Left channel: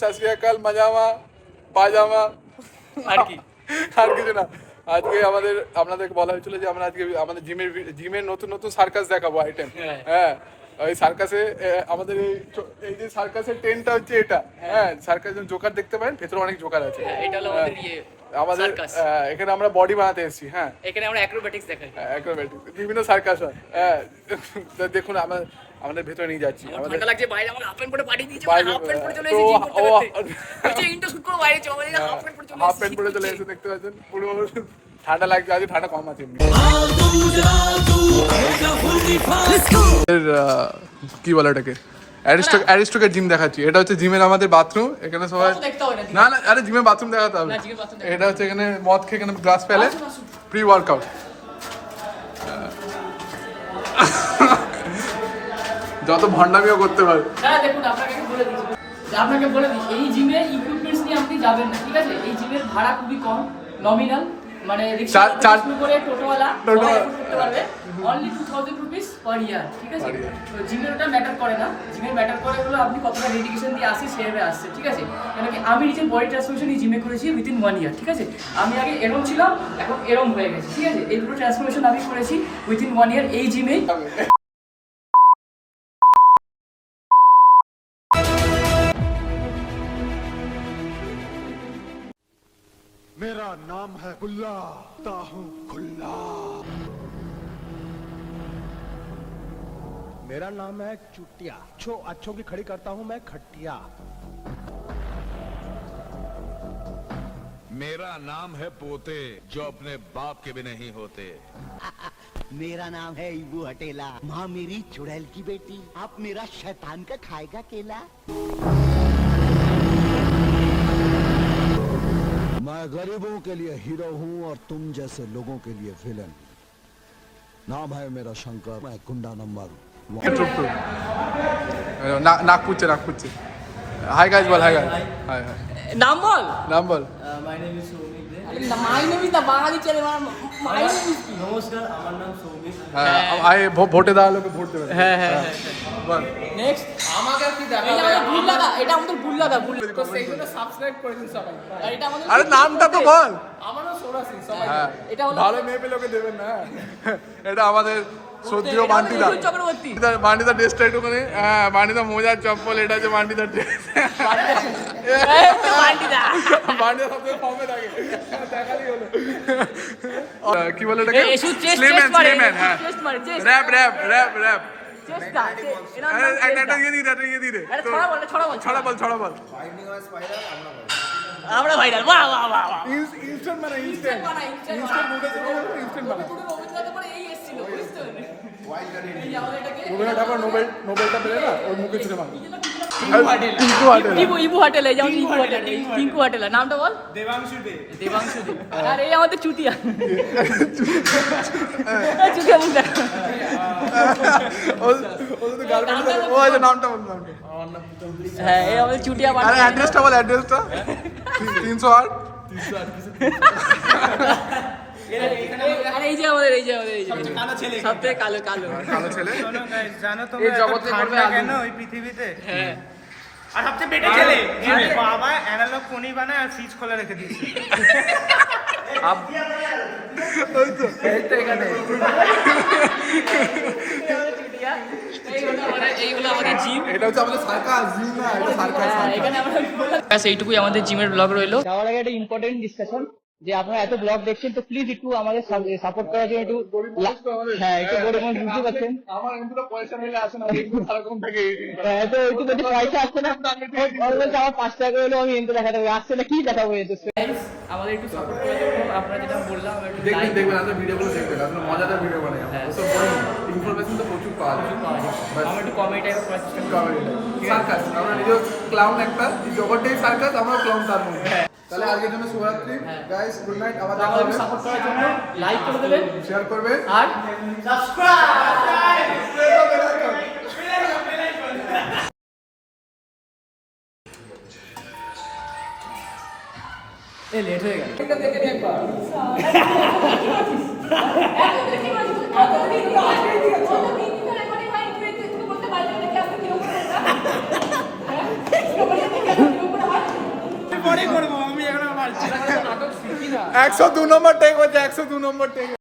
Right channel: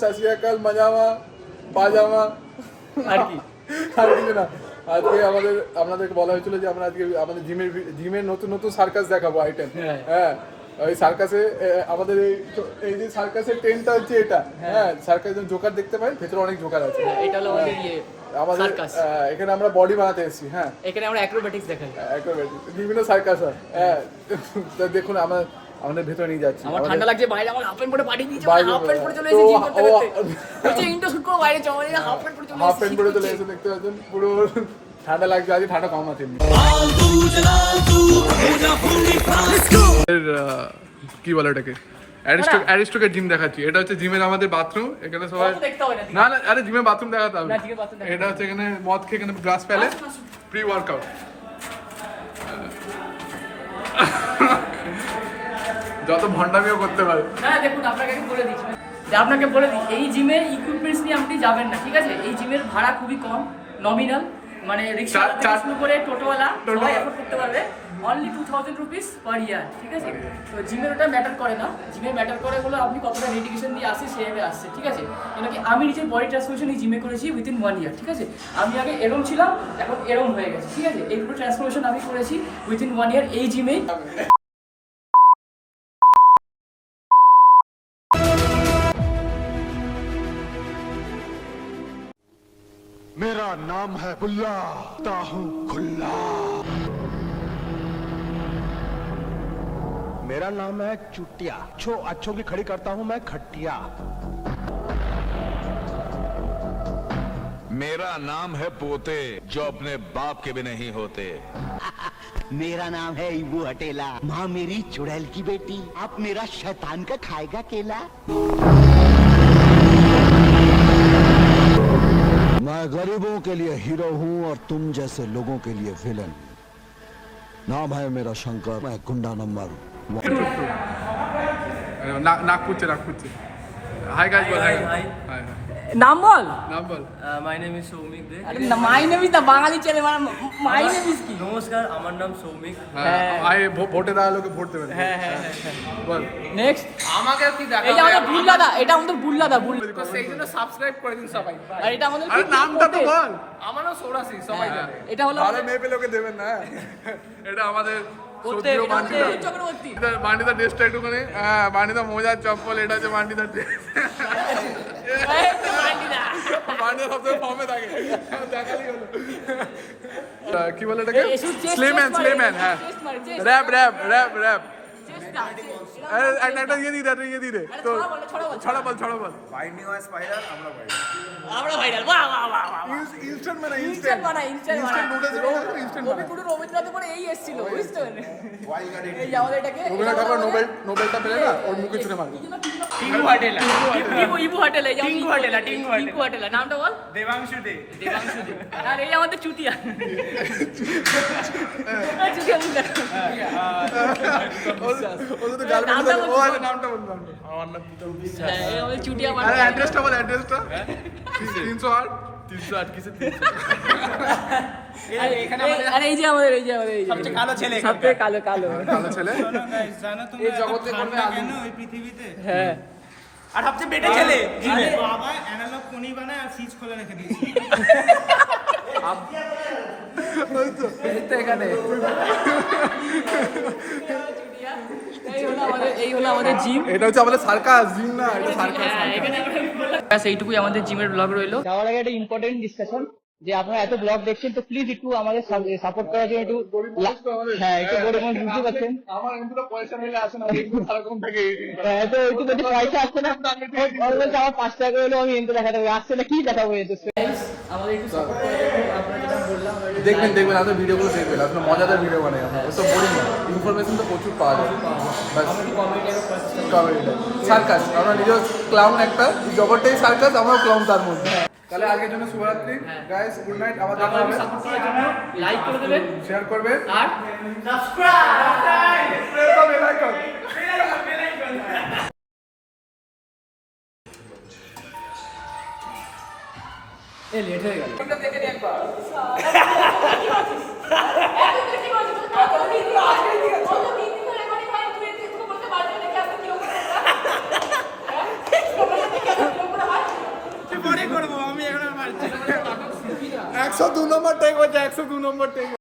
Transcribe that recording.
সাসরিয়াকাল মাজামা পাজামা আর কি আর কিছু না। আজকে আপনাদেরকে বলা হয়েছিল যে আমরা আজকে আমাদের জিমের নতুন নতুন সার্কাস দেখাবো আইটেম। হ্যাঁ, ওই সার্কাসে আমাদের এই যে সার্কাসের টেন্টটা হচ্ছে এটা। হ্যাঁ, সার্কাস জোকার দেখতে পারেন, ভেতরে অনেক জোকার আছে। এটা হলো আমাদের এখানে আমরা বডি বানাতে এসেছি। হ্যাঁ, এখানে আমরা অ্যাক্রোব্যাটিক্স দেখাই। অ্যাক্রোব্যাটিক্স বিভিন্ন সার্কাস হয়। হ্যাঁ, দেখুন আমাদের ভেতরে নিয়ে যাচ্ছি। আমার ঠান্ডা লাগছে, বাইরে আমার হাফ প্যান্ট পরে পাঠিয়ে দিয়েছে, হাফ প্যান্ট পরে চলে এসেছি জিম করতে করতে। ইন্টার শুট করে বাইরে চলে গেছে, হাফ প্যান্ট পরে চলে এসেছি। হাফ প্যান্ট পরে চলে এসে দেখতে পাচ্ছেন পুরো ঠান্ডা লাগছে। আজ ঠান্ডা কম আছে। কি বলে এটাকে অ্যারিস্টোকের জিম দেখাচ্ছি। এটা হচ্ছে জিমের আমাদের বাথরুম। এখানে সবাই না না আরে জিমের বাথরুম দেখাতে হবে। এটা হচ্ছে এখানে মদ খেয়ে এখানে গ্লাস ফেলে প্রি ওয়ার্কআউট। যত ভণ্ডামিও করতে পারে। হ্যাঁ দেখুন, আপনাকে বলে দিই এই জিমে ইকুইপমেন্টস নিয়ে আপনি যাবেন না, ঠিক আছে? এই জিমের ভাড়া খুবই কম, নমিনাল, মানে রিক্সা শুরু করে টোটোওয়ালা সবাই এফোর্ড করতে পারবে। অনলি 2000 রুপিস পার ইয়ার, ঠিক আছে? তো জিমের ওটা ম্যাটার করে না। জিমের ম্যাটার করে হলো আপনি কতটা ডেডিকেশন দিয়ে আসছে, সেভাবে আসছে, ঠিক আছে? কেন কি আমি নিজের বডি ট্রান্সফরমেশন এই জিমে করেছি উইথিন 1 ইয়ার, ঠিক আছে? আমি আগে এরম ছিলাম, এখন এরম হয়ে গেছে, ঠিক আছে? এই পুরো ট্রান্সফরমেশন আমি করেছি উইথিন 1 ইয়ার এই জিমেই। मेरा नाम है बुल्ला ताहू खुल्ला। मेरा नाम है चुटिया, अच्छों की खड़ी करता हूं मैं खटिया। मेरा नाम है पोते, जो अपने बाप के भी नहीं होते। मेरा नाम है इबू हटेला, माँ मेरी चुड़ैल की बेटी। आप मेरा शैतान का खाएगा केला। मैं गरीबों के लिए हीरो हूँ और तुम जैसे लोगों के लिए विलन। नाम है मेरा शंकर, मैं गुंडा नंबर 1। नागपुरचे हाय गाइस, बोल हाय गाइस। हाय हाय, নাম বল। My name is Soumik Dey. My name is না, বাঙালি ছেলে, মাই নেম ইজ কি? নমস্কার, আমার নাম সৌমিক। হ্যাঁ, আই ভোটে দেওয়া লোকে ভোট দেবেন। হ্যাঁ হ্যাঁ হ্যাঁ, বল নেক্সট। আমাকে কি দেখাবে? এটা আমাদের বুল্লাদা, এটা আমাদের বুল্লাদা। সেইগুলো সাবস্ক্রাইব করে দিন সবাই। আর এটা আমাদের আরে নামটা তো বল। আমারও সোরাসি সবাই জানে। এটা হলো ভালো মেয়ে পেলে ওকে দেবেন না। এটা আমাদের সত্যিও বান্টিদা। চক্রবর্তী। বান্টিদা ড্রেসটা একটুখানি, হ্যাঁ বান্টিদা মোজার চপ্পল, এটা হচ্ছে বান্টিদার ড্রেস। বান্টিদা সবসময় ফর্মে থাকে, দেখালি হলো। কি বলে এটাকে? স্লেম্যান। হ্যাঁ, র্যাপ। একটা ইয়ে দিয়ে দে তো, ছড়া বল। আমরা ভাইরাল। বাহ বাহ বাহ। ইনস্ট্যান্ট মানে ইনস্ট্যান্ট নুডলস ইনস্ট্যান্ট ওকে পুরো রবীন্দ্রনাথ করে এই এসেছিল, বুঝছো? এই যে আমাদের এটাকে রবীন্দ্রনাথ ঠাকুর নোবেলটা পেলে না, ওর মুখে ছুঁড়ে মারবে। ইবু হাটেলা, এই যে টিঙ্কু হাটেলা। নামটা বল। দেবাংশু দে। আর এই আমাদের চুটিয়া। চুটিয়া মুখ দেখ। ও তো গার্লফ্রেন্ড ও আছে। নামটা বল। আমার নাম প্রীতম। হ্যাঁ, এই আমাদের চুটিয়া। আরে অ্যাড্রেসটা বল, অ্যাড্রেসটা। 308 কিছু এখানে আমাদের, আর এই যে আমাদের কালো ছেলে, সবথেকে কালো কালো ছেলে। জানো তোমরা এত ঠান্ডা কেন ওই পৃথিবীতে? হ্যাঁ, আর সবচেয়ে বেটে ছেলে বাবা অ্যানালগ ফোনই বানায় আর ফ্রিজ খোলা রেখে দিয়েছে। ওই তো এইগুলো আমাদের জিম। এটা হচ্ছে আমাদের সার্কাস, জিম না, এটা সার্কাস। এখানে আমরা ব্যাস এইটুকুই আমাদের জিমের ব্লগ রইলো। যাওয়ার আগে একটা ইম্পর্টেন্ট ডিসকাশন, যে আপনারা এত ব্লগ দেখছেন তো প্লিজ একটু আমাদের সাপোর্ট করার জন্য একটু, হ্যাঁ একটু গরিব মানুষ বুঝতে পারছেন, আমার কিন্তু পয়সা মিলে আসে না, একটু সারকম থেকে হ্যাঁ তো একটু যদি পয়সা আসছে না, অলওয়েজ আমার 5 টাকা হলেও আমি এনতে দেখাতে হবে, আসছে না কি দেখাবো? আমাদের একটু সাপোর্ট করার জন্য আপনারা যেটা বললাম, দেখবেন আপনার ভিডিওগুলো দেখবেন, আপনার মজাদার ভিডিও বানায়। ওসব বলি না, ইনফরমেশন তো প্রচুর পাওয়া যায়। আমরা একটু কমেডি টাইপের করার চেষ্টা করি। সার্কাস, আমরা নিজের ক্লাউন, একটা জগৎটাই সার্কাস, আমরা ক্লাউন তার মধ্যে। তাহলে আজকের জন্য শুভরাত্রি গাইস, গুড নাইট। আবার দেখা হবে। সাপোর্ট করার জন্য লাইক করে দেবেন, শেয়ার করবেন আর লেট হয়ে গেল। পরে করবো, আমি এখন আর পারছি না। 102 নম্বর টেক হচ্ছে, 102 নম্বর টেক।